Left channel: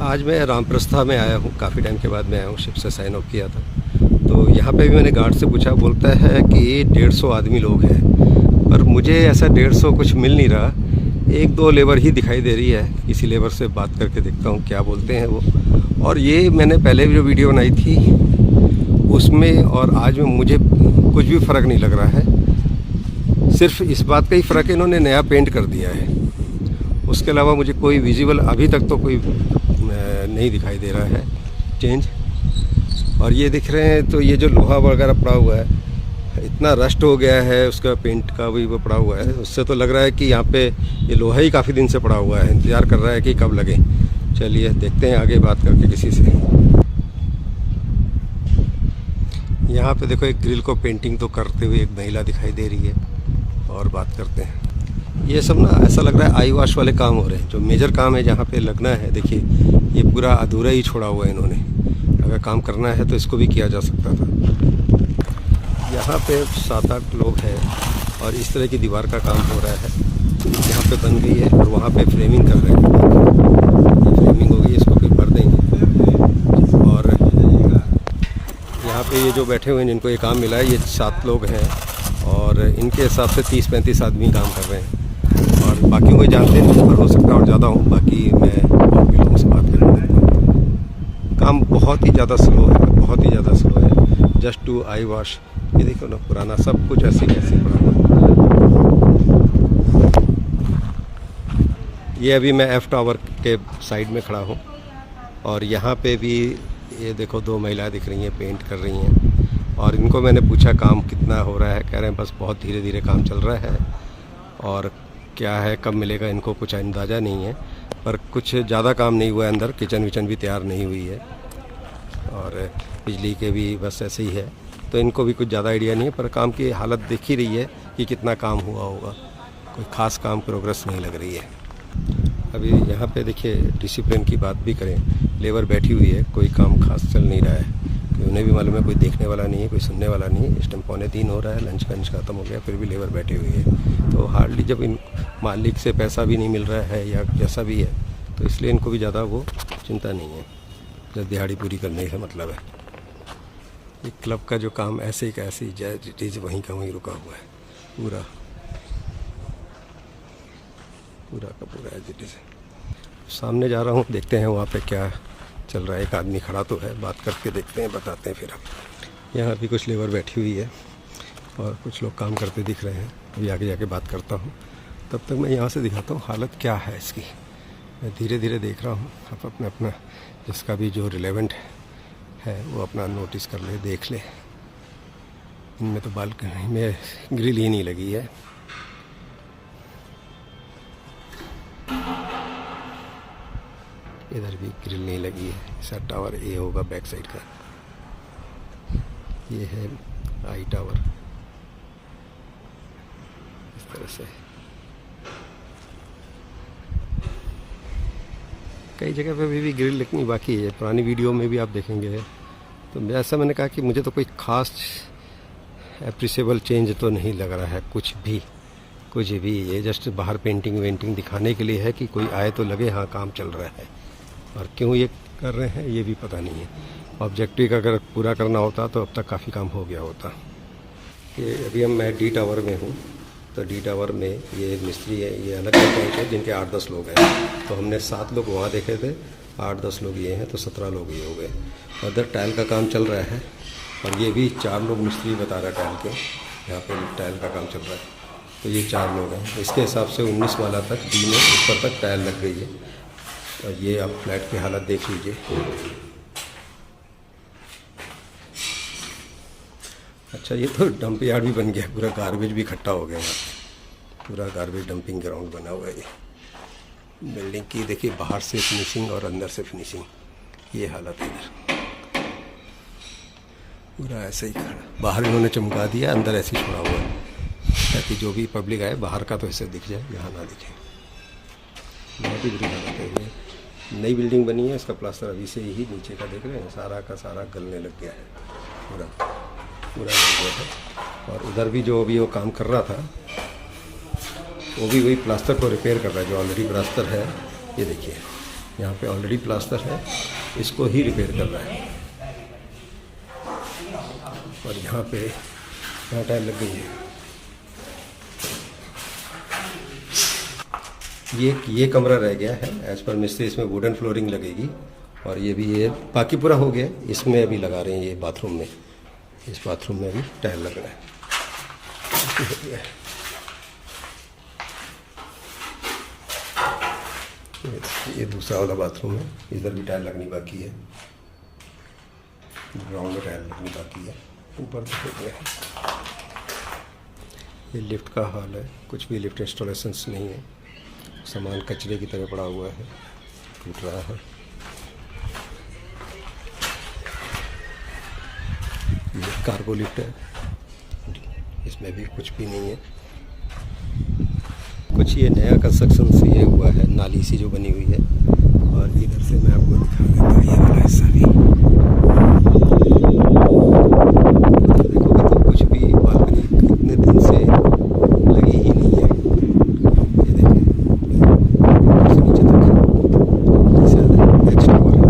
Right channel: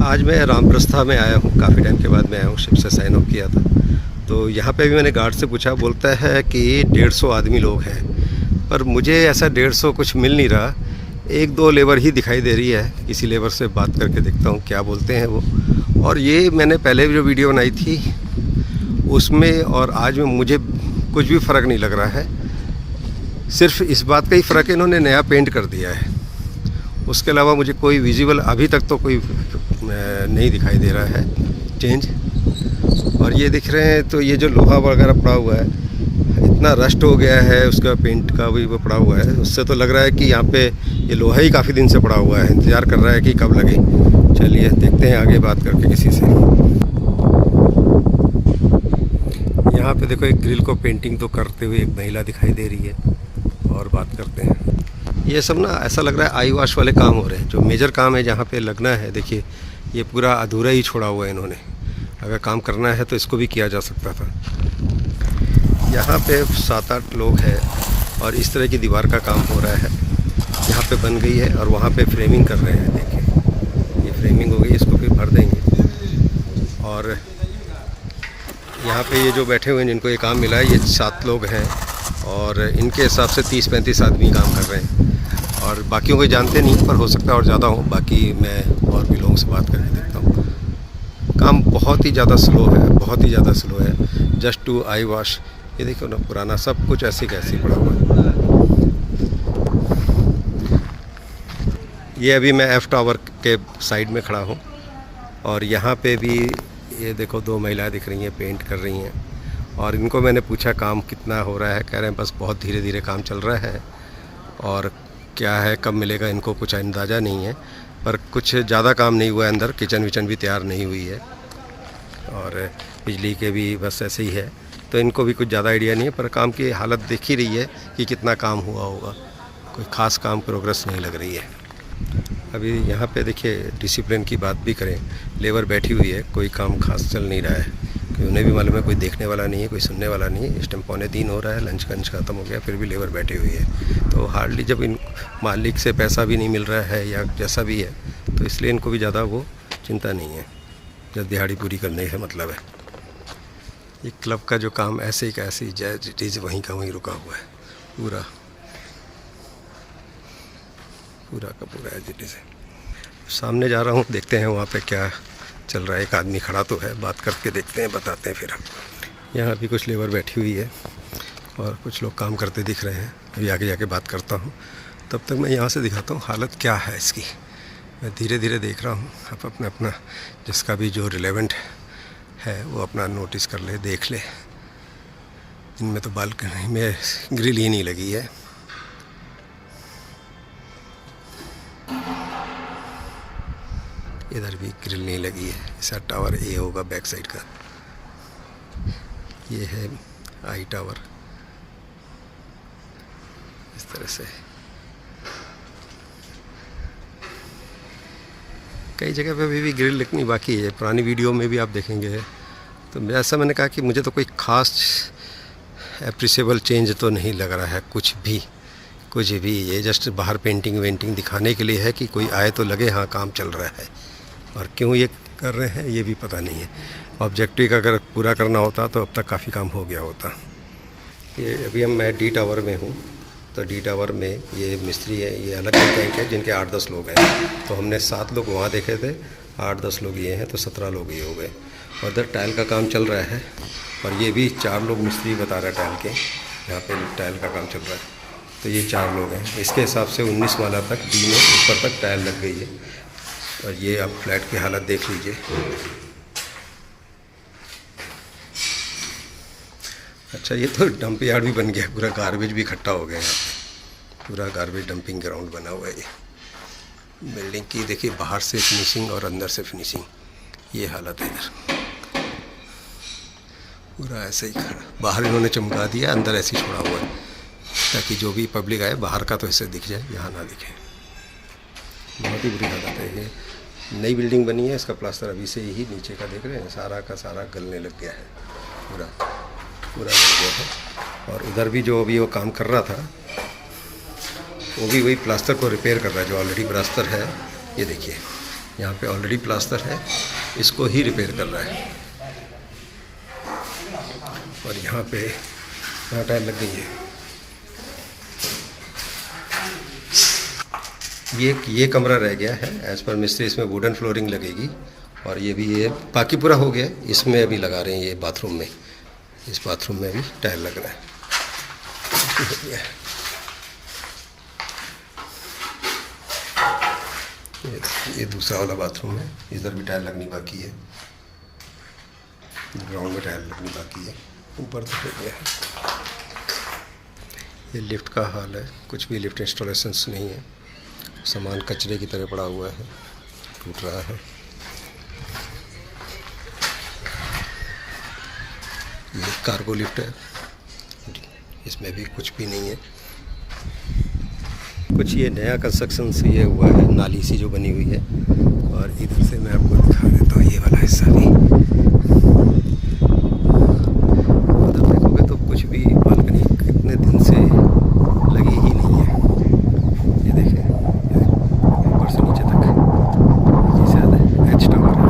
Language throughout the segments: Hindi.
आज मैं रामप्रस्था में आया हूँ, काफ़ी टाइम के बाद मैं आया हूँ, शिप से साइन ऑफ किया था। तो यहाँ पे भी मैंने गार्ड से पूछा, बोलता है कि 150 आदमी लोग हैं, पर मुझे ऐसा 150 कुछ मिल नहीं रहा। 1-2 लेबर ही दिखाई दे रही है। किसी लेबर से बात करके देखता हूँ क्या बोलते हैं वो। और ये मैंने पहले भी जो वीडियो बनाई थी उसमें और आज में मुझे कुछ भी फ़र्क नहीं लग रहा है। सिर्फ इस बात का ही फ़र्क है, इन्होंने नया पेंट कर दिया है। उसके अलावा मुझे कोई विजिबल अभी तक तो कोई नहीं दिखाई दे रहा है चेंज। और ये दिख रहे हैं तो ये जो लोहा वगैरह पड़ा हुआ है, इतना रस्ट हो गया है, उसका पेंट का भी वो पड़ा हुआ है। उससे तो लग रहा है कि यहाँ पे ये लोहा ही काफ़ी दिन से पड़ा हुआ है, इंतज़ार कर रहा है कि कब लगे। चलिए देखते हैं आगे बात करके किसी से। यहाँ पे देखो एक ग्रिल को पेंटिंग तो करते हुए एक महिला दिखाई दे रही है, और बात करते हैं। ये सब ना ऐसा लग रहा है आई वॉश वाले काम हो रहे हैं। जो मेजर काम है जहाँ पे लगना है, देखिए ये पूरा अधूरा ही छोड़ा हुआ है इन्होंने। अगर काम करना है तो इसको भी किया जा सकता था। यहाँ पे 7-8 लोग हैं और इस तरह की दीवार का काम हो रहा है। यहाँ पे बन गई है और वहाँ पे फ्रेमिंग कर रहे हैं। देखिए ये फ्रेमिंग हो गई, इसको फिर भर देंगे। और यहाँ पे ये जो बैठे हुए हैं जिनको ये काम मिला है, ये 7 लोग हैं और इनके हिसाब से 30-35 आदमी काम कर रहे हैं। और बाकियों को जानते नहीं, पर हो सकता है और ज़्यादा हो। बाकी मैं और भी लोगों से बात करके देखता हूँ। काम बहुत ही ज़्यादा स्लो है, बहुत ही ज़्यादा स्लो है। Just to eye wash. ये देखो ना, पुराना सब कुछ ऐसे कैसे पड़ा हुआ है। ये अभी मैं एफ टावर के साइड में खड़ा हूँ और यहाँ पे भी ये देखो 2 महिलाएं दिख रही हैं, पेंट कर रही हैं। और इनको मैंने पूछा काम कितना हो रहा है, कह रहे हैं बस बहुत धीरे धीरे काम चल रहा है। और क्या है कब मिलेगा इनको कुछ अंदाज़ा नहीं है, पर कुछ ज़्यादा काम नहीं हुआ है। अंदर किचन विचन भी तैयार नहीं हुई है और बिजली के भी बस ऐसे ही है। तो इनको भी कुछ ज़्यादा आइडिया नहीं है, पर काम की हालत देख ही रही है कि कितना काम हुआ होगा। कोई ख़ास काम प्रोग्रेस नहीं लग रही है। अभी यहाँ पे देखिए डिसिप्लिन की बात भी करें, लेबर बैठी हुई है, कोई काम खास चल नहीं रहा है। उन्हें भी मालूम है कोई देखने वाला नहीं है, कोई सुनने वाला नहीं है। इस टाइम 2:45 हो रहा है, लंच ख़त्म हो गया, फिर भी लेबर बैठी हुई है। तो हार्डली जब इन मालिक से पैसा भी नहीं मिल रहा है या जैसा भी है, तो इसलिए इनको भी ज़्यादा वो चिंता नहीं है। जब दिहाड़ी पूरी करने से मतलब है। ये क्लब का जो काम ऐसे ही का ऐसे ही जैज इट इज़ वहीं का वहीं रुका हुआ है। पूरा का पूरा एज इट इज़ है। सामने जा रहा हूँ, देखते हैं वहाँ पे क्या चल रहा है। एक आदमी खड़ा तो है, बात करके देखते हैं, बताते हैं फिर हम। यहाँ भी कुछ लेबर बैठी हुई है और कुछ लोग काम करते दिख रहे हैं। अभी आगे जाके बात करता हूँ, तब तक मैं यहाँ से दिखाता हूँ हालत क्या है इसकी। मैं धीरे धीरे देख रहा हूँ। आप अपना जिसका भी जो रिलेवेंट है वो अपना नोटिस कर ले, देख ले। इनमें तो बालकनी में ग्रिल ही नहीं लगी है। इधर भी ग्रिल नहीं लगी है। ऐसा टावर ए होगा बैक साइड का। ये है आई टावर, इस तरह से। कई जगह पे अभी भी ग्रिल लगनी बाकी है। पुरानी वीडियो में भी आप देखेंगे। तो ऐसा मैंने कहा कि मुझे तो कोई ख़ास एप्रिसिएबल चेंज तो नहीं लग रहा है कुछ भी। ये जस्ट बाहर पेंटिंग वेंटिंग दिखाने के लिए है कि कोई आए तो लगे हाँ काम चल रहा है। और क्यों ये कर रहे हैं ये भी पता नहीं है। ऑब्जेक्टिव अगर पूरा करना होता तो अब तक काफ़ी काम हो गया होता। ये अभी मैं डी टावर में हूँ। तो डी टावर में ये मिस्त्री है, ये अलग बैंक है जिनके 8-10 लोग हैं। तो हमने 7 लोग वहाँ देखे थे, 8-10 लोग ये हैं, तो 17 लोग ये हो गए। और इधर टाइल का काम चल रहा है और ये भी 4 लोग मिस्त्री बता रहा है टाइल के। यहाँ पे टाइल का काम चल रहा है तो ये 4 लोग हैं। इसके हिसाब से 19 माला तक डी में ऊपर तक टाइल लग गई है। और ये आप फ्लैट की हालत देख लीजिए। अच्छा, ये तो डंप यार्ड भी बन गया, पूरा गार्बेज भी इकट्ठा हो गया यहाँ पे। पूरा गार्बेज डंपिंग ग्राउंड बना हुआ है ये बिल्डिंग की। देखिए बाहर से फिनिशिंग और अंदर से फिनिशिंग, ये हालत है इधर। पूरा ऐसे ही बाहर इन्होंने चमका दिया, अंदर ऐसे ही छोड़ा हुआ है ताकि जो भी पब्लिक आए बाहर का तो ऐसे दिख जाए, यहाँ ना दिखे। बहुत ही बुरी हालत है। ये नई बिल्डिंग बनी है, इसका प्लास्टर अभी से ही नीचे का देख रहे हैं, सारा का सारा गलने लग गया है। पूरा गल गया है। और उधर भी जो अभी वो काम कर रहा था वो भी वही प्लास्टर को रिपेयर कर रहा है जो ऑलरेडी प्लास्टर है। ये देखिए यहाँ पे ऑलरेडी प्लास्टर है, इसको ही रिपेयर कर रहा है। और यहाँ पे यहाँ टाइल लग गई है। ये कमरा रह गया है एज़ पर मिस्त्री, इसमें वुडन फ्लोरिंग लगेगी। और ये भी ये बाकी पूरा हो गया, इसमें अभी लगा रहे हैं ये बाथरूम में, इस बाथरूम में भी टाइल लग रहा है। ये दूसरा वाला बाथरूम है, इधर भी टाइल लगनी बाकी है, ग्राउंड में टाइल लगनी बाकी है, ऊपर तो हो गया है। ये लिफ्ट का हाल है, कुछ भी लिफ्ट इंस्टॉलेशंस नहीं है, सामान कचरे की तरह पड़ा हुआ है, टूट रहा है। ये कार्गो लिफ्ट है, इसमें भी कुछ भी नहीं है। कुछ ये नया कंस्ट्रक्शन से ये हुआ है, नाली सी जो बनी हुई है। और इधर से मैं आपको दिखा देता हूँ ये वाला हिस्सा भी। उधर देखोगे तो कुछ भी बालकनी कितने दिन से लगी ही नहीं है। ये देखें, ऊपर से नीचे तक ये शायद एच टावर है।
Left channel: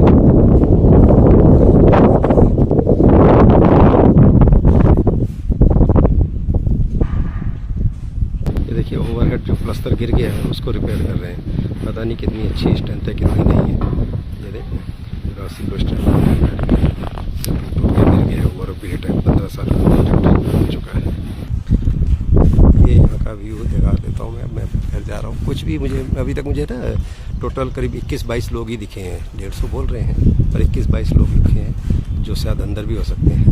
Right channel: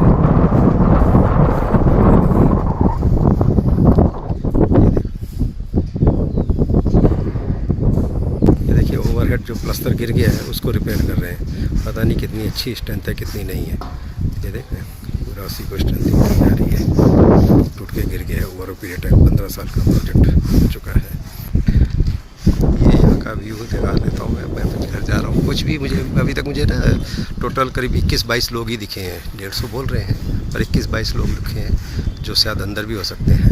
ये देखिए ओवरहेड जो प्लास्टर गिर गया है उसको रिपेयर कर रहे हैं। पता नहीं कितनी अच्छी स्ट्रेंथ है कितनी नहीं है। ये देखें पूरा उसी को स्ट्रेंथ आ रही है, टूट के गिर गया है। ओवर पीरियड है, 15 साल का प्रोजेक्ट हो चुका है। ये यहाँ का व्यू दिखा देता हूँ मैं घर जा रहा हूँ। कुछ भी मुझे अभी तक मुझे ना टोटल करीब 21-22 लोग ही दिखे हैं। 150 बोल रहे हैं पर 21-22 लोग दिखे हैं, जो शायद अंदर भी हो सकते हैं।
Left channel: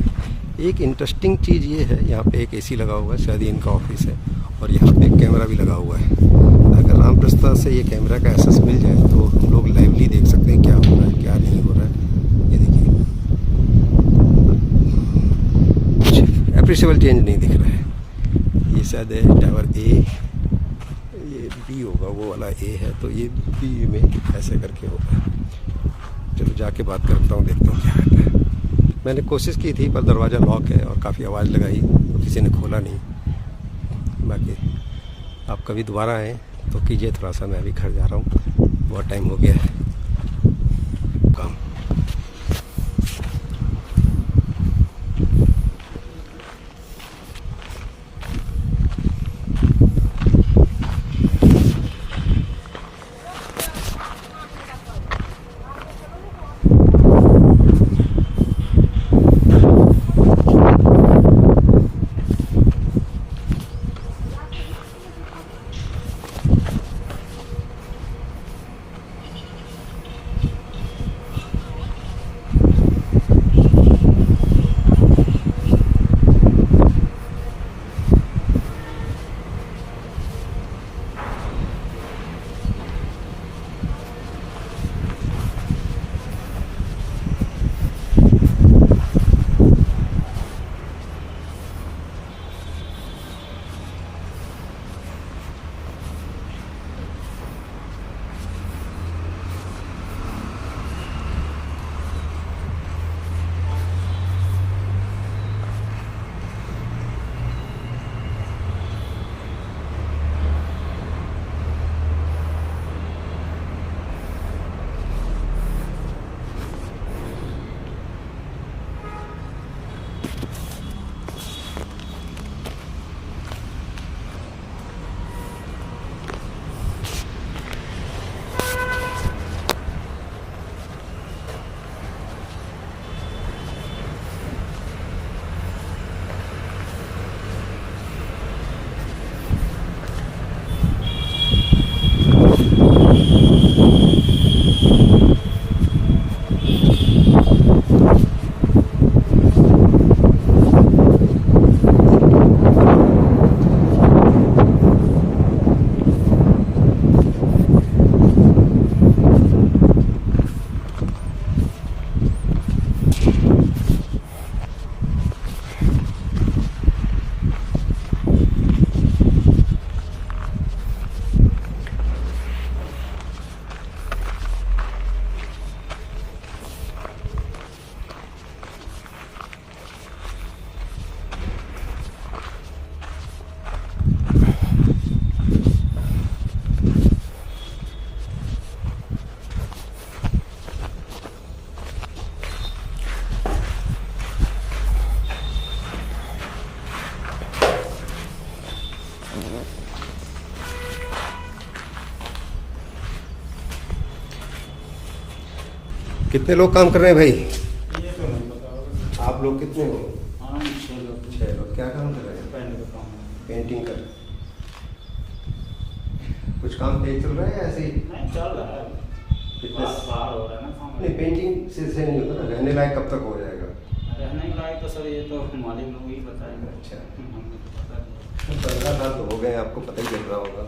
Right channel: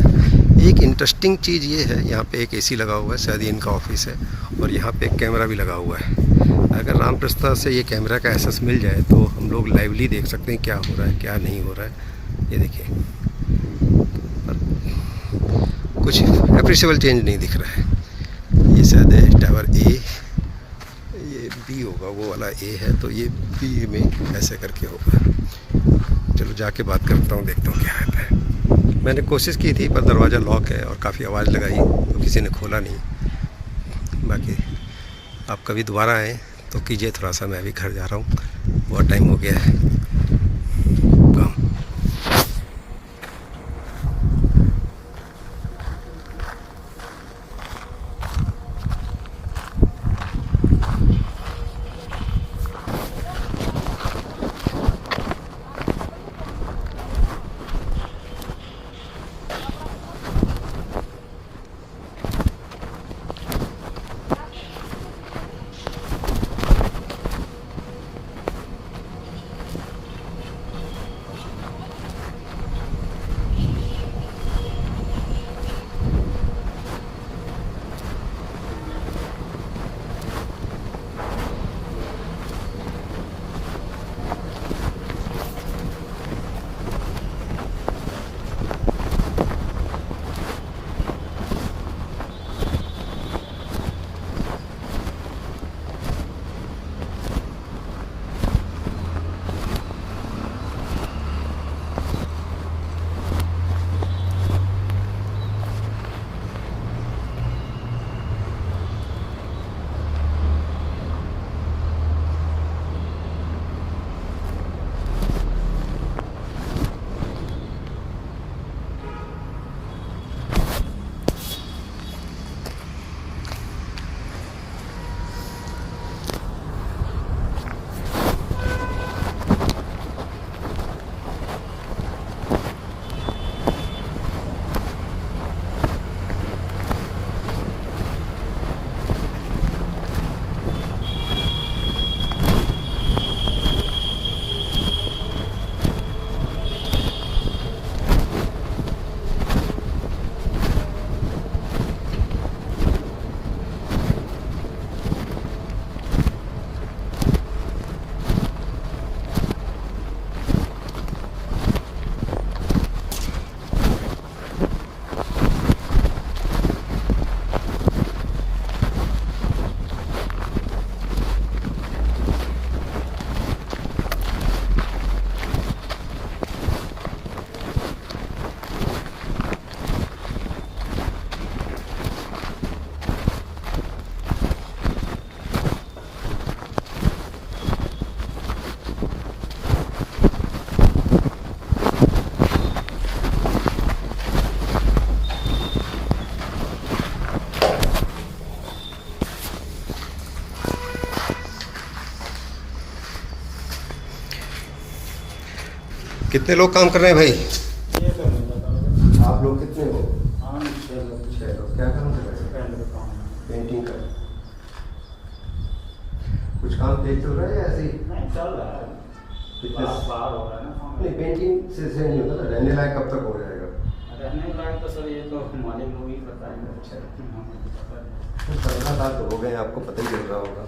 एक इंटरेस्टिंग चीज़ ये है, यहाँ पे एक एसी लगा हुआ है, शायद ये इनका ऑफिस है। और यहाँ पे एक कैमरा भी लगा हुआ है। अगर रामप्रस्था से ये कैमरा का एक्सेस मिल जाए तो हम लोग लाइवली देख सकते हैं क्या हो रहा है क्या नहीं हो रहा है। ये देखिए कुछ अप्रिशिएबल चेंज नहीं दिख रहा है। ये शायद टावर ए, ये बी होगा, वो वाला ए है तो ये बी में ऐसे करके होगा। चलो जाके बात करता हूँ, देखता हूँ क्या है। मैंने कोशिश की थी पर दरवाज़ा लॉक है और काफ़ी आवाज़ लगाई तो किसी ने खोला नहीं। बाकी आप कभी दोबारा आएँ तो कीजिए थोड़ा सा, मैं भी घर जा रहा हूँ, बहुत टाइम हो गया है काम। कितने लोग काम कर रहे हैं भाई? ये तो नहीं पता। आप लोग कितने हो? हाँ 6 लोग। 6 लोग। क्या काम कर रहे हैं? पेंट का काम है। पेंटिंग कर। कुछ काम तेज चल रहा है या ऐसे ही? नहीं चल रहा है। Fitness- बाहर हो रहा है ना काम। नहीं, पेंटिंग से नहीं होता ना, रहने लायक कब तक हो जाएगा? रहने लायक तो सर ये तो हमारे लोग ही बताएंगे। अच्छा। हमें तो पता नहीं। 15 साल तो हो गए, आपको पता ही चल रहा होगा।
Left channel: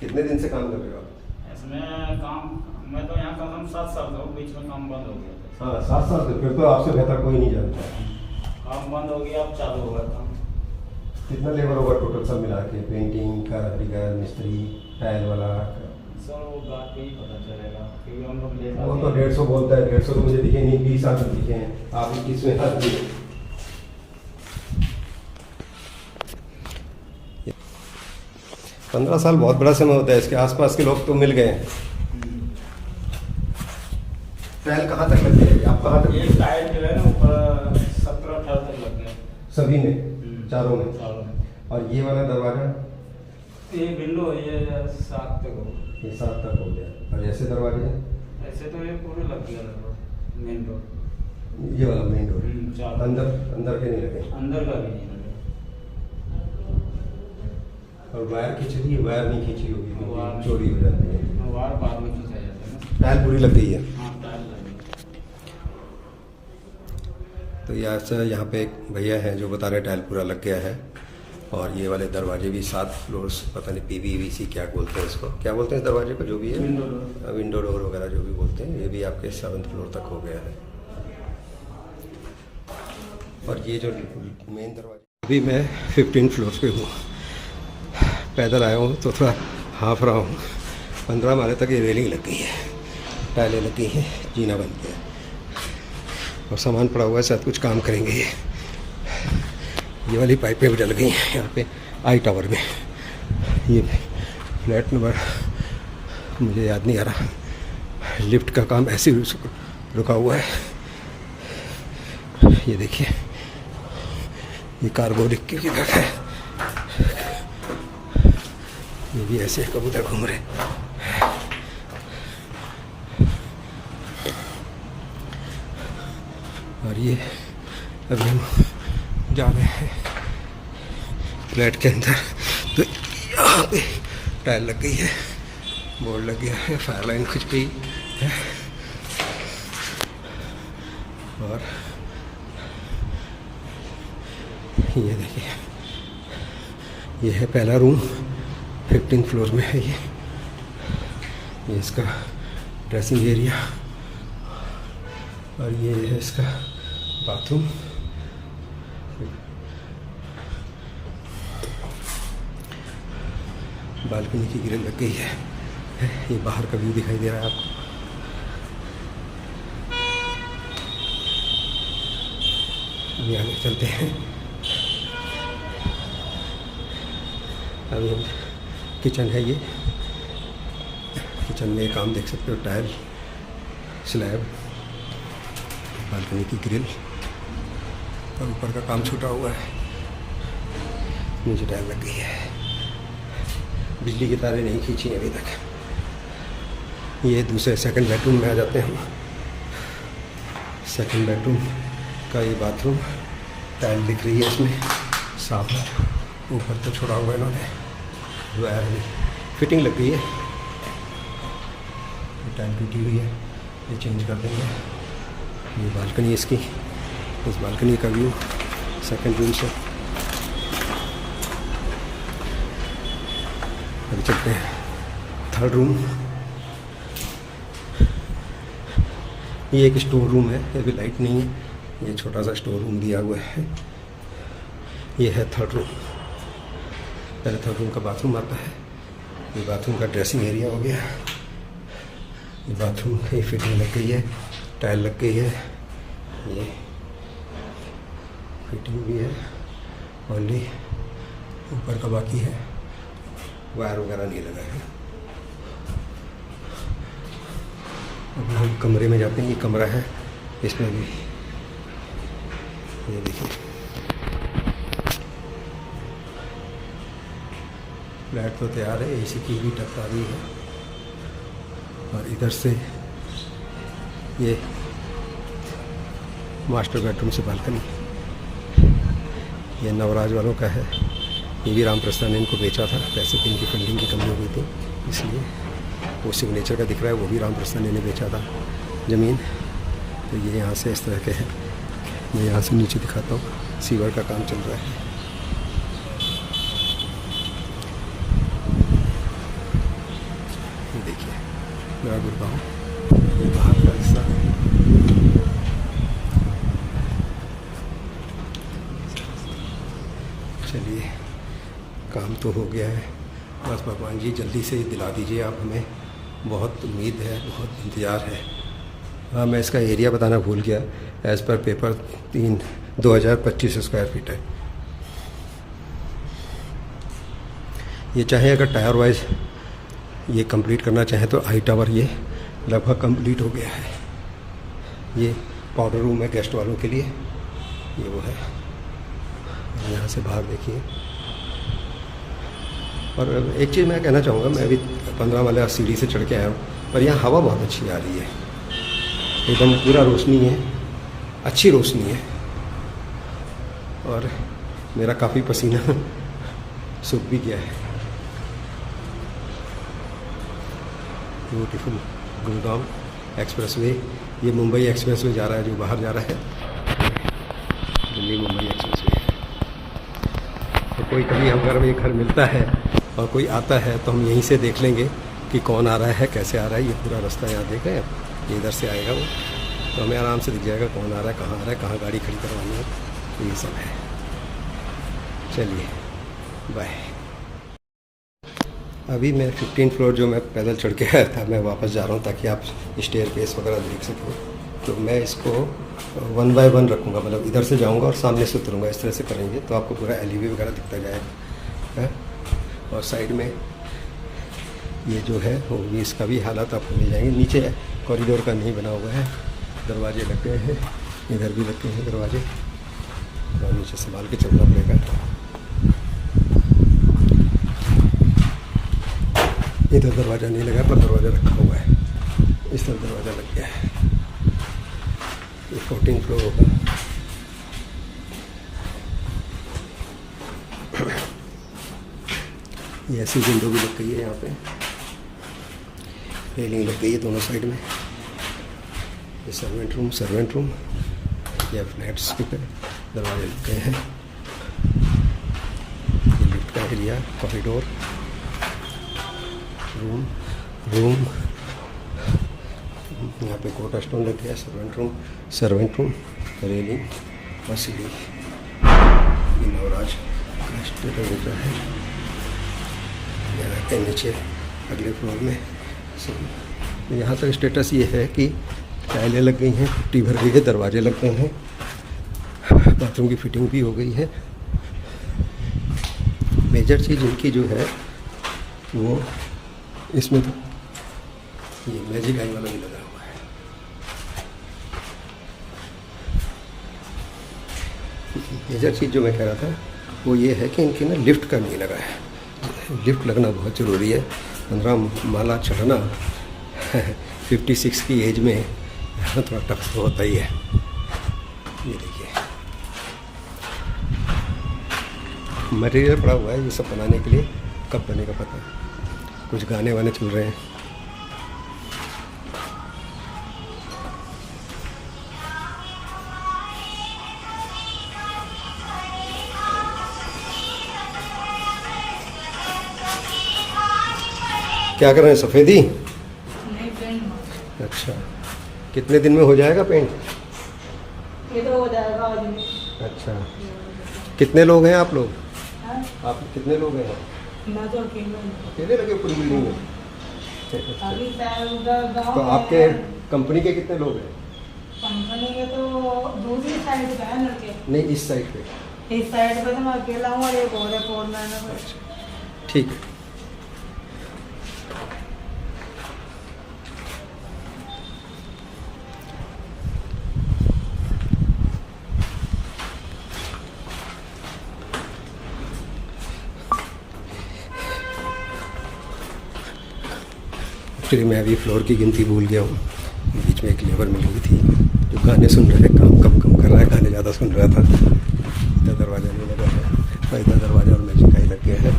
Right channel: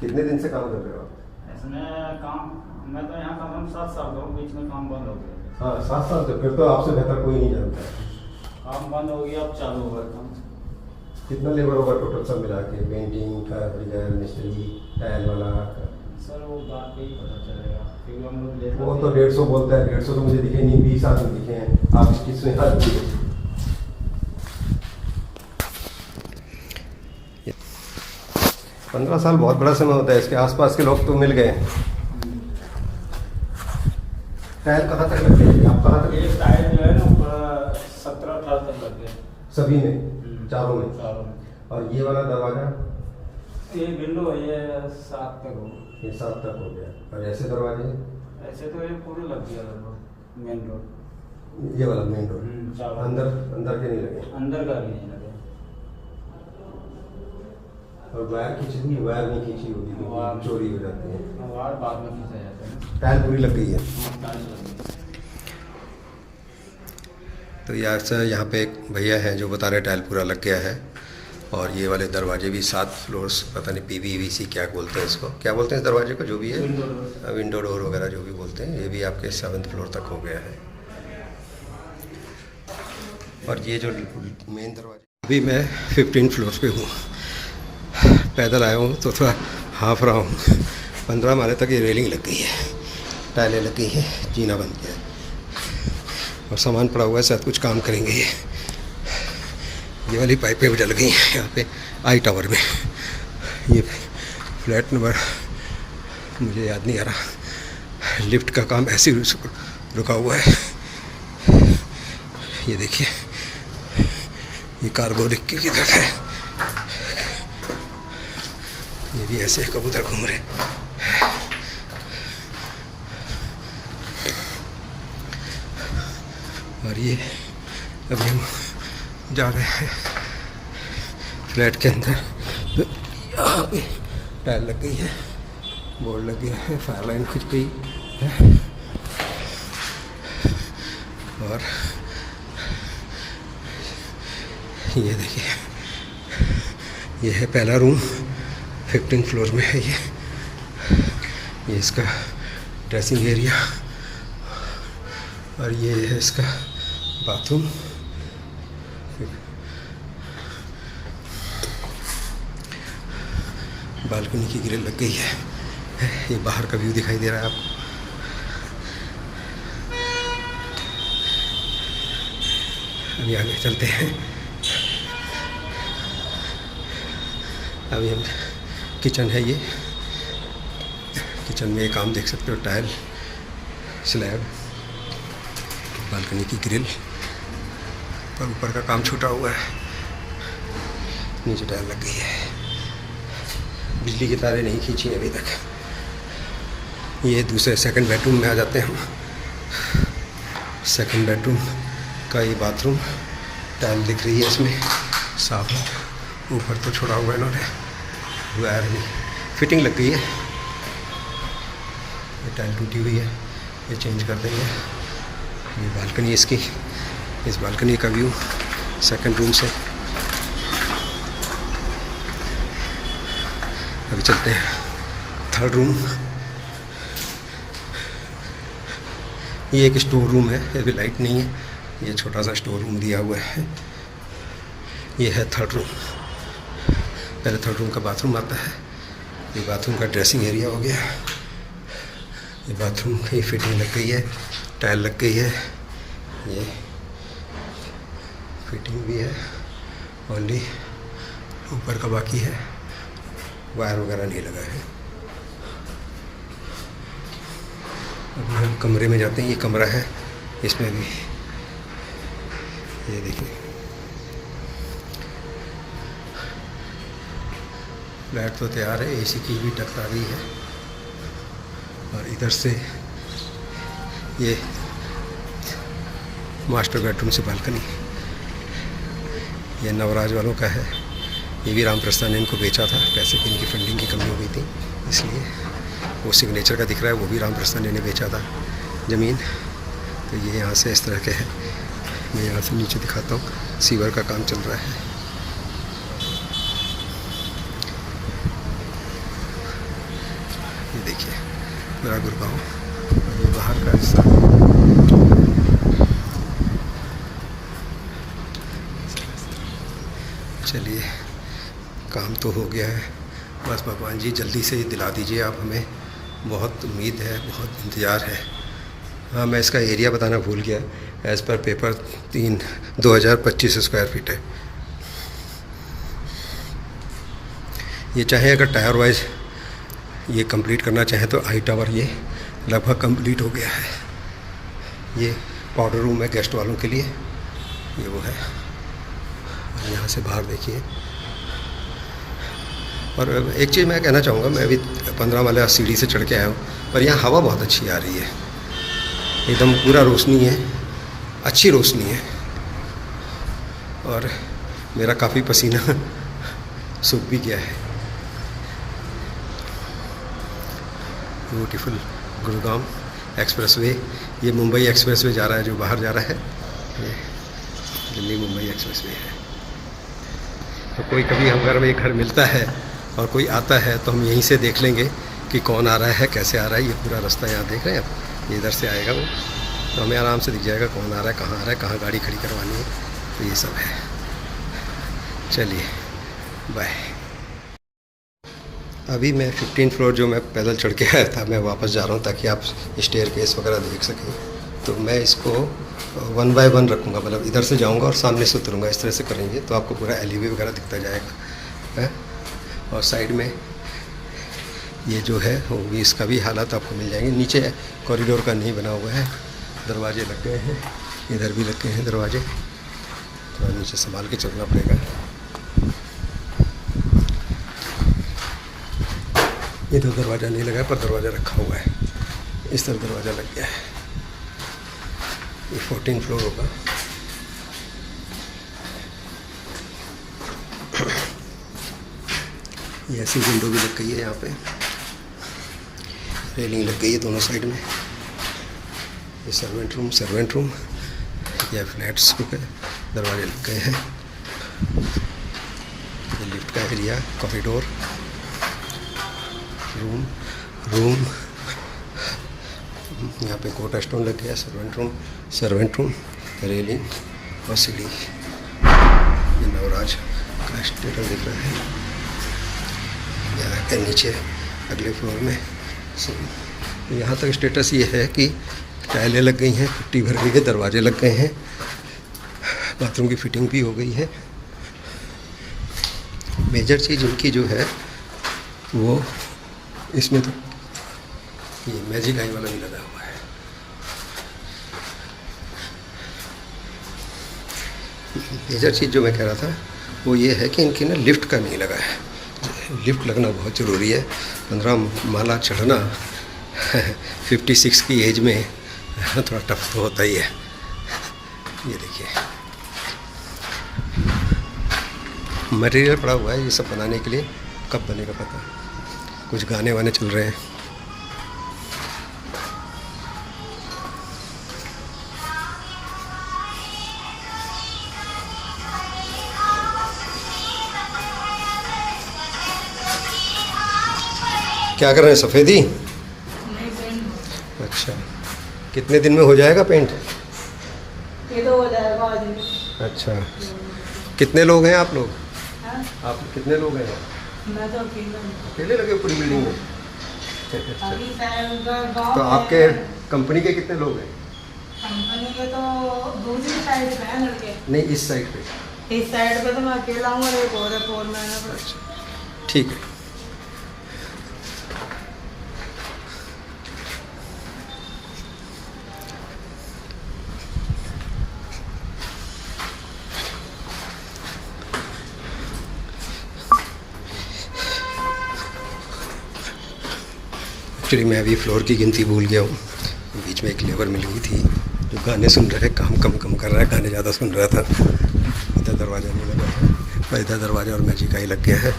कितने दिन से काम कर रहे हो आप? इसमें काम मैं तो यहाँ कम से कम 7 साल हो, बीच में काम बंद हो गया था। हाँ, 7 साल से। फिर तो आपसे बेहतर कोई नहीं जानता है। काम बंद हो गया, अब चालू हुआ काम। कितना लेबर होगा टोटल सब मिला के? पेंटिंग का, कारीगर, मिस्त्री, टाइल वाला? सर वो बात पे ही पता चलेगा क्योंकि हम लोग लेबर वो तो 150 बोलता है। 150 तो मुझे दिखे नहीं, 20 आदमी दिखे हैं। आप 21वें आदमी हैं। 15 साल बहुत बड़ा समय होता है। इसके आसपास के लोग तो मिल गए। टाइल कहाँ तक लग गया? आप कहाँ ये तक? टायर जो है ना ऊपर 17-18 तक लग गया। सभी में? चारों में? चारों में। और ये वाला दरवाजा? ये विंडो है, ये 7 तक हो। ये 7 तक हो गया। और ऐसे दरवाजे? ऐसे तो ये पूरे लग गया लगभग मेन रोड। ये वाला मेन डोर? चारों। अंदर अंदर के नहीं लगे? अंदर का भी नहीं लगा। और वायर खींची हुई? वायर नहीं खींची होगी क्योंकि वायर- चोरी हो जाती है। वायर बाद में खींचा जाता है ना। टाइल पूरी लग गई है। हाँ, टाइल लग गई। तो यार सर, यहाँ पे एक भैया हैं जो बता रहे टाइल पूरा लग गया है। और ये वाले दरवाजे भी 7 फ्लोर्स, पता नहीं PVC क्या बोलते हैं इसको, क्या बोलते हैं इस दरवाजे को, जो भी है विंडो डोर। विंडो डोर वगैरह जो भी बोलते हैं, ये भी आपके 7th फ्लोर तक हो गया है। और ये जो मेन दरवाजे, अभी मैं 15 फ्लोर पे हूँ। पैदल आया हूँ तो थोड़ा हाँफ रहा हूँ। 15 माले तक ये रेलिंग लग गई है, टाइलें लग गई हैं, जीना बन गया और सामान पड़ा हुआ है। शायद कुछ काम करेंगे ये वाली पाइपें भी जल गई हैं यहाँ पे आई टावर में। ये फ्लैट नंबर मुझे याद नहीं आ रहा। लिफ्ट का काम ऐसे ही रुका हुआ है। ये देखिए, ये कार्गो लिख के किधर है। ये भी ऐसे कबूतर घूम रहे। और ये अभी हम जा रहे हैं फ्लैट के अंदर। तो यहाँ पे टाइल लग गई है, बोर्ड लग गया है, फायर लाइन कुछ भी है। और ये देखिए, ये है पहला रूम, 15 फ्लोर में है ये इसका ड्रेसिंग एरिया। और ये है इसका बाथरूम। बालकनी की ग्रिल लग गई है। ये बाहर का व्यू दिखाई दे रहा है आपको। अभी आगे चलते हैं। अभी हम किचन है ये। किचन में ये काम देख सकते हो, टाइल, स्लैब, बालकनी की ग्रिल और ऊपर का काम छूटा हुआ है। नीचे टाइल लग गई है। बिजली की तारें नहीं खींची अभी तक। ये दूसरे सेकंड बेडरूम में आ जाते हैं हम। सेकंड बेडरूम का ये बाथरूम, टाइल दिख रही है इसमें साफ है। ऊपर तो छोड़ा हुआ है इन्होंने, वायर भी फिटिंग लग गई है। ये टाइल टूटी हुई है, ये चेंज कर देंगे। ये बालकनी इसकी, इस बालकनी का व्यू सेकंड रूम से। अभी चलते हैं थर्ड रूम। ये एक स्टोर रूम है, अभी लाइट नहीं है। ये छोटा सा स्टोर रूम दिया हुआ है। ये है थर्ड रूम। पहले थर्ड रूम का बाथरूम आता है। ये बाथरूम का ड्रेसिंग एरिया हो गया। ये बाथरूम की फिटिंग लग गई है, टाइल लग गई है, ये फिटिंग भी है। ओनली ऊपर का बाकी है, वायर वगैरह नहीं लगा है। अब हम कमरे में जाते हैं। ये कमरा है, इसमें भी ये देखिए फ्लैट तो तैयार है। एसी की भी टक आ गई है। और इधर से ये मास्टर बेडरूम से बालकनी, ये नवराज वालों का है। ये भी रामप्रस्था ने इनको बेचा था, पैसे की इनकी फंडिंग की कमी हो गई थी इसलिए। वो सिग्नेचर का दिख रहा है, वो भी रामप्रस्था ने बेचा था ज़मीन। तो ये यहाँ से इस तरह के है। मैं यहाँ से नीचे दिखाता हूँ, सीवर का काम चल रहा है। ये देखिए मेरा गुड़गांव, ये बाहर का हिस्सा। चलिए काम तो हो गया है, बस भगवान जी जल्दी से दिला दीजिए आप हमें, बहुत उम्मीद है, बहुत इंतज़ार है। हाँ, मैं इसका एरिया बताना भूल गया। As per paper 2025 square feet है। ये चाहे अगर टायर वाइज ये कंप्लीट करना चाहें तो आई टावर ये लगभग कंप्लीट हो गया है। ये पाउडर रूम है गेस्ट वालों के लिए, ये वो है। यहाँ से बाहर देखिए। और एक चीज़ मैं कहना चाहूँगा, मैं अभी 15 वाला सीढ़ी से चढ़ के आया हूँ, पर यहाँ हवा बहुत अच्छी आ रही है, एकदम पूरा रोशनी है, अच्छी रोशनी है। और मेरा काफ़ी पसीना सूख भी गया है। ब्यूटीफुल गुड़गांव एक्सप्रेसवे, ये मुंबई एक्सप्रेसवे जा रहा है जो बाहर जा रहा है, दिल्ली मुंबई एक्सप्रेसवे है। तो कोई कभी हम घर मिलता है और कोई आता है तो हम यहीं से देख लेंगे कि कौन आ रहा है, कैसे आ रहा है। ये पूरा रास्ता यहाँ देख रहे हैं आप, ये इधर से आएगा वो, तो हमें आराम से दिख जाएगा कौन आ रहा है, कहाँ आ रहा है, कहाँ गाड़ी खड़ी करवानी है। तो ये सब है। चलिए बाय। अभी मैं 15 फ्लोर जो मैं पैदल चढ़ के आया था, मैं वापस जा रहा हूँ ताकि आप स्टेयरकेस वगैरह देख सकें। तो मैं इसको 1 बाय 1 रखूँगा, मतलब इधर से जाऊँगा और सामने से उतरूँगा। इस तरह से करेंगे तो आपको पूरा एलिवे वगैरह दिखता जाएगा है। और साइड में ये जो है वो भी, इसका भी हालात आपको मिल जाएंगे। नीचे कॉरिडोर का नहीं बना हुआ है, दरवाजे लग गए हैं, इधर भी लग गए हैं दरवाजे, थोड़ा नीचे संभाल के चलना पड़ेगा। इधर दरवाज़ा नहीं लगा है पर दरवाज़ा रखा हुआ है, इस तरफ दरवाज़ा लग गया है। ये 14 फ्लोर होगा। ये ऐसी विंडो भी लग गई है, यहाँ पे रेलिंग लग गई है दोनों साइड में। ये सर्वेंट रूम, ये फ्लैट्स है, दरवाजे लग गए हैं। ये लिफ्ट का एरिया, कॉरिडोर, रूम यहाँ पे कोटा स्टोन लग गया। सर्वेंट रूम, रेलिंग और सीढ़ी। ये नवराज का स्टेटस दिख रहा है। यहाँ नीचे अगले फ्लोर में यहाँ तक स्टेटस ये है कि टाइलें लग गई हैं, पुट्टी भर गई है, दरवाजे लग गए हैं, बाथरूम की फिटिंग भी हो गई है। मेजर चीज़ इनकी जो है वो इसमें तो ये मैजिक आई वाला भी लगा हुआ है। मेजर चीज़ जो मैं कह रहा था वो ये है कि इनकी ना लिफ्ट का नहीं लगा है। लिफ्ट लगना बहुत ज़रूरी है। 15 माला चढ़ना 56 की एज में थोड़ा टफ तो होता ही है। ये देखिए मटेरियल पड़ा हुआ है ये सब बनाने के लिए, कब बनेगा पता। कुछ गाने वाने चल रहे हैं। क्या कर रहे हैं, सफ़ेदी? नहीं, पेंट। अच्छा, कितने दिन में हो जाएगा पेंट? ये तो हो जाएगा आज में। अच्छा, कितने लोग हैं आप लोग? हाँ? आप कितने लोग हैं? मैं तो अकेले हूँ। अकेले लगे पूरी बिल्डिंग में? अच्छा। अभी गाँव तो में आपके कंपनी के कितने लोग हैं? कंपनी के तो दूसरी साइड पे है लड़के। नहीं, इस साइड पे। इस साइड पे तो मैं अकेला हूँ और एक और है फोरमैन है। अच्छा, ठीक है। एक्चुअली मैं अभी फ्लोर की गिनती भूल गया हूँ, बीच में एक लेबर मिली हुई थी जो गाने सुन रहे, काम कम कम कर रहा है, गाने ज़्यादा सुन रहा था। इधर दरवाज़ा नहीं लगा है और इधर दरवाज़ा और मैजिक आई लग गया है।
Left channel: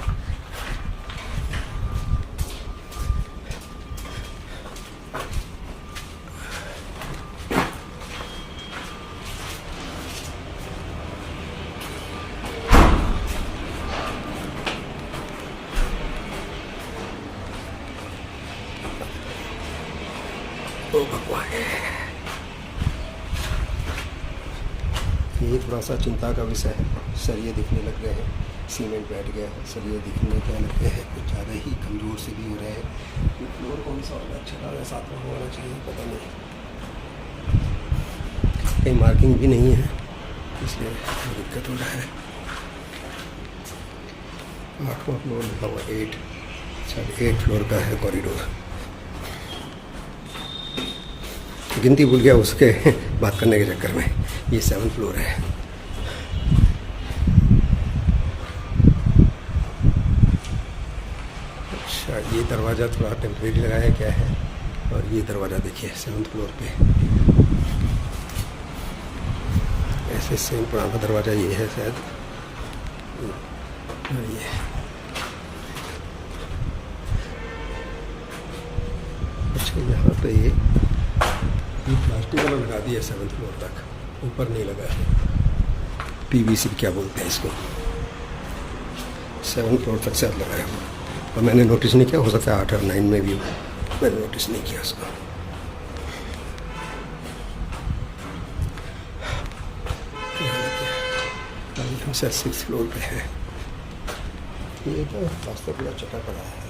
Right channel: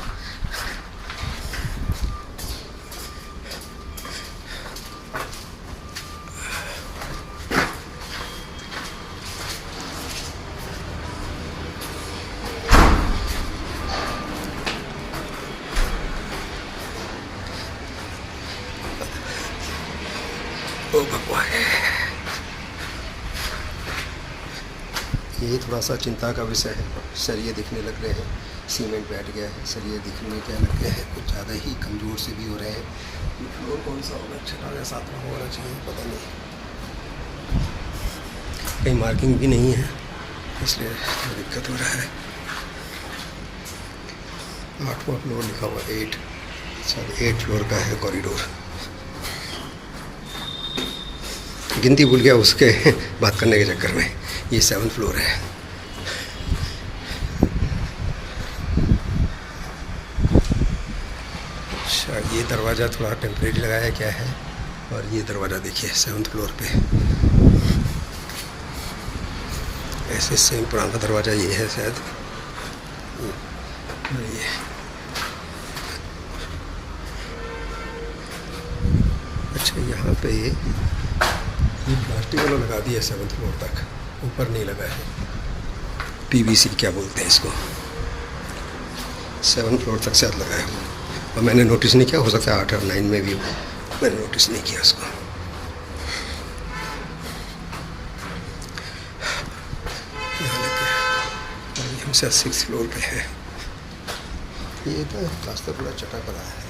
ओ भगवान, ये थोड़ा सा चिंता का विषय है। सरिये दिखने लग रहे हैं, सीमेंट बैठ गया है, सरिये दिखने क्या लग गए हैं, कुछ ज़्यादा ही कमज़ोर से भी हो रहे हैं। ये फ्लोर कौन सा होगा, 6वां या 7वां होना चाहिए, पता नहीं, कहीं मार्किंग भी नहीं है, इसलिए थोड़ा दिक्कत हो रहा है। 8वां फ्लोर लिखा हुआ 8, शायद 8 फ्लोर का है कॉरिडोर। गिनती भूल गया उसके बात करने के चक्कर में। ये 7th फ्लोर है। अच्छा, ये दरवाज़ा थोड़ा टेम्परेरी लगाया क्या है, और ये दरवाज़ा देखिए 7th फ्लोर पे। ऐसे सेम पुराना दरवाज़ा ये है शायद। ये अच्छा, यहाँ पे ये प्लास्टिक वाला लगा दिया 7th फ्लोर तक, ऊपर नहीं लगा है। PVC क्या बोलते हैं इसको, 7th फ्लोर तक शायद लगा है वो, और मैंने नोटिस नहीं किया। हो सकता है 8 और 9 में भी हो, मैंने नोटिस नहीं किया उसको। यहाँ लग गया, हम शायद 6th फ्लोर पे हैं। ये तो रास्ता पूरा चटा पड़ा है।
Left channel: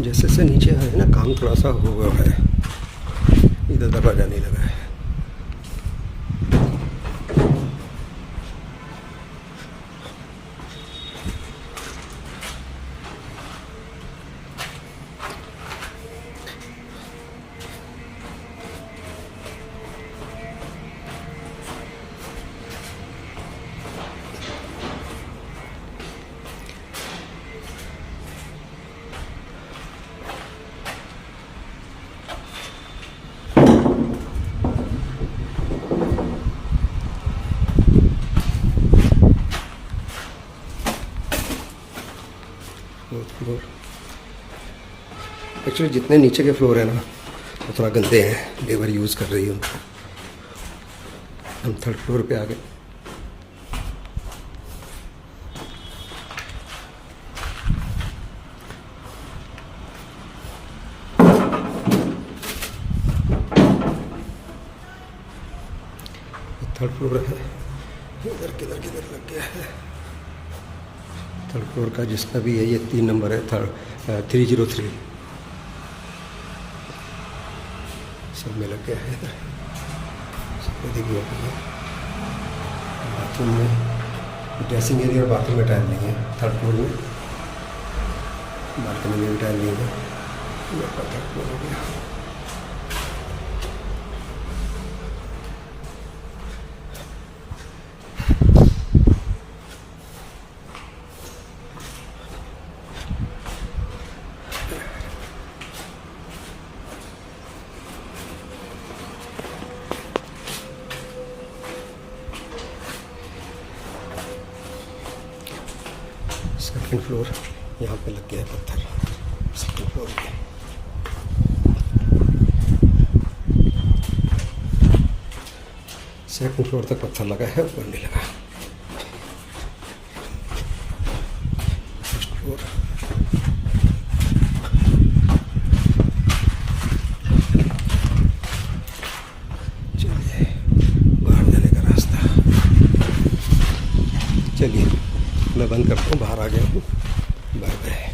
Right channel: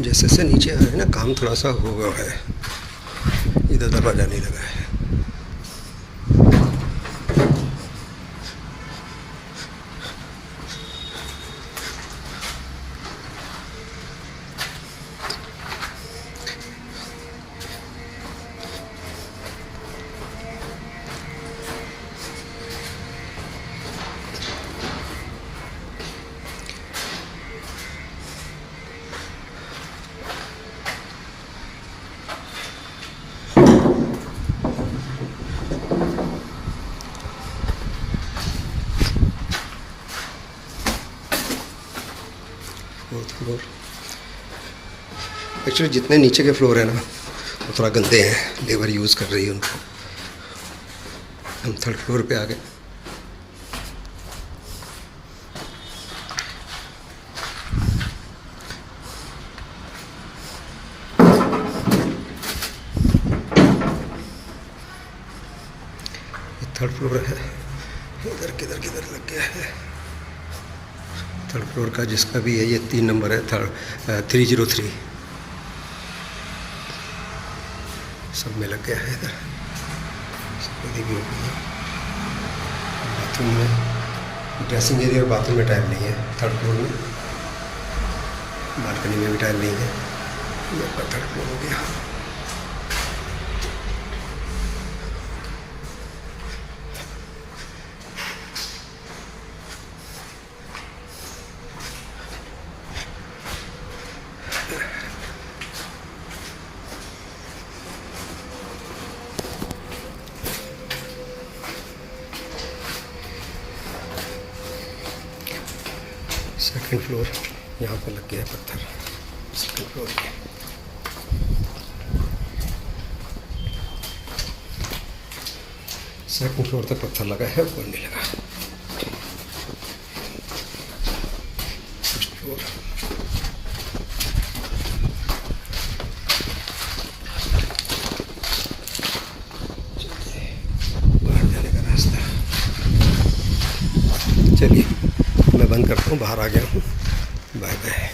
जैसे से नीचे आ रहे हैं ना, काम थोड़ा सा हो गया है। इधर दरवाज़ा नहीं लगा है। फोर्थ फ्लोर, एक्चुअली जितने नीचे के फ्लोर है ना वो थोड़ा गंदे हैं, लेबर यूज़ कर रही है उनको। हम 3rd फ्लोर पे आ गए। ये 3rd फ्लोर है, इधर किधर किधर लग गया है। 3rd फ्लोर का जिसका भी है, ये 3 नंबर है, 303 सब में लग गया है। इधर सबको भी हो गई है। बाथरूम में, ड्रेसिंग एरिया और बाथरूम में टाइल नहीं है 3rd फ्लोर में, बालकनी में भी टाइल नहीं है। ये आपका 3rd फ्लोर हो गया। सेकंड फ्लोर, यहाँ पे लग गया है पत्थर 2nd फ्लोर पे। सेकंड फ्लोर तक पत्थर लगा है, ऊपर नहीं लगा। 1st फ्लोर, चलिए बाहर जाने का रास्ता। चलिए मैं बंद करता हूँ, बाहर आ गया हूँ। Bye bye.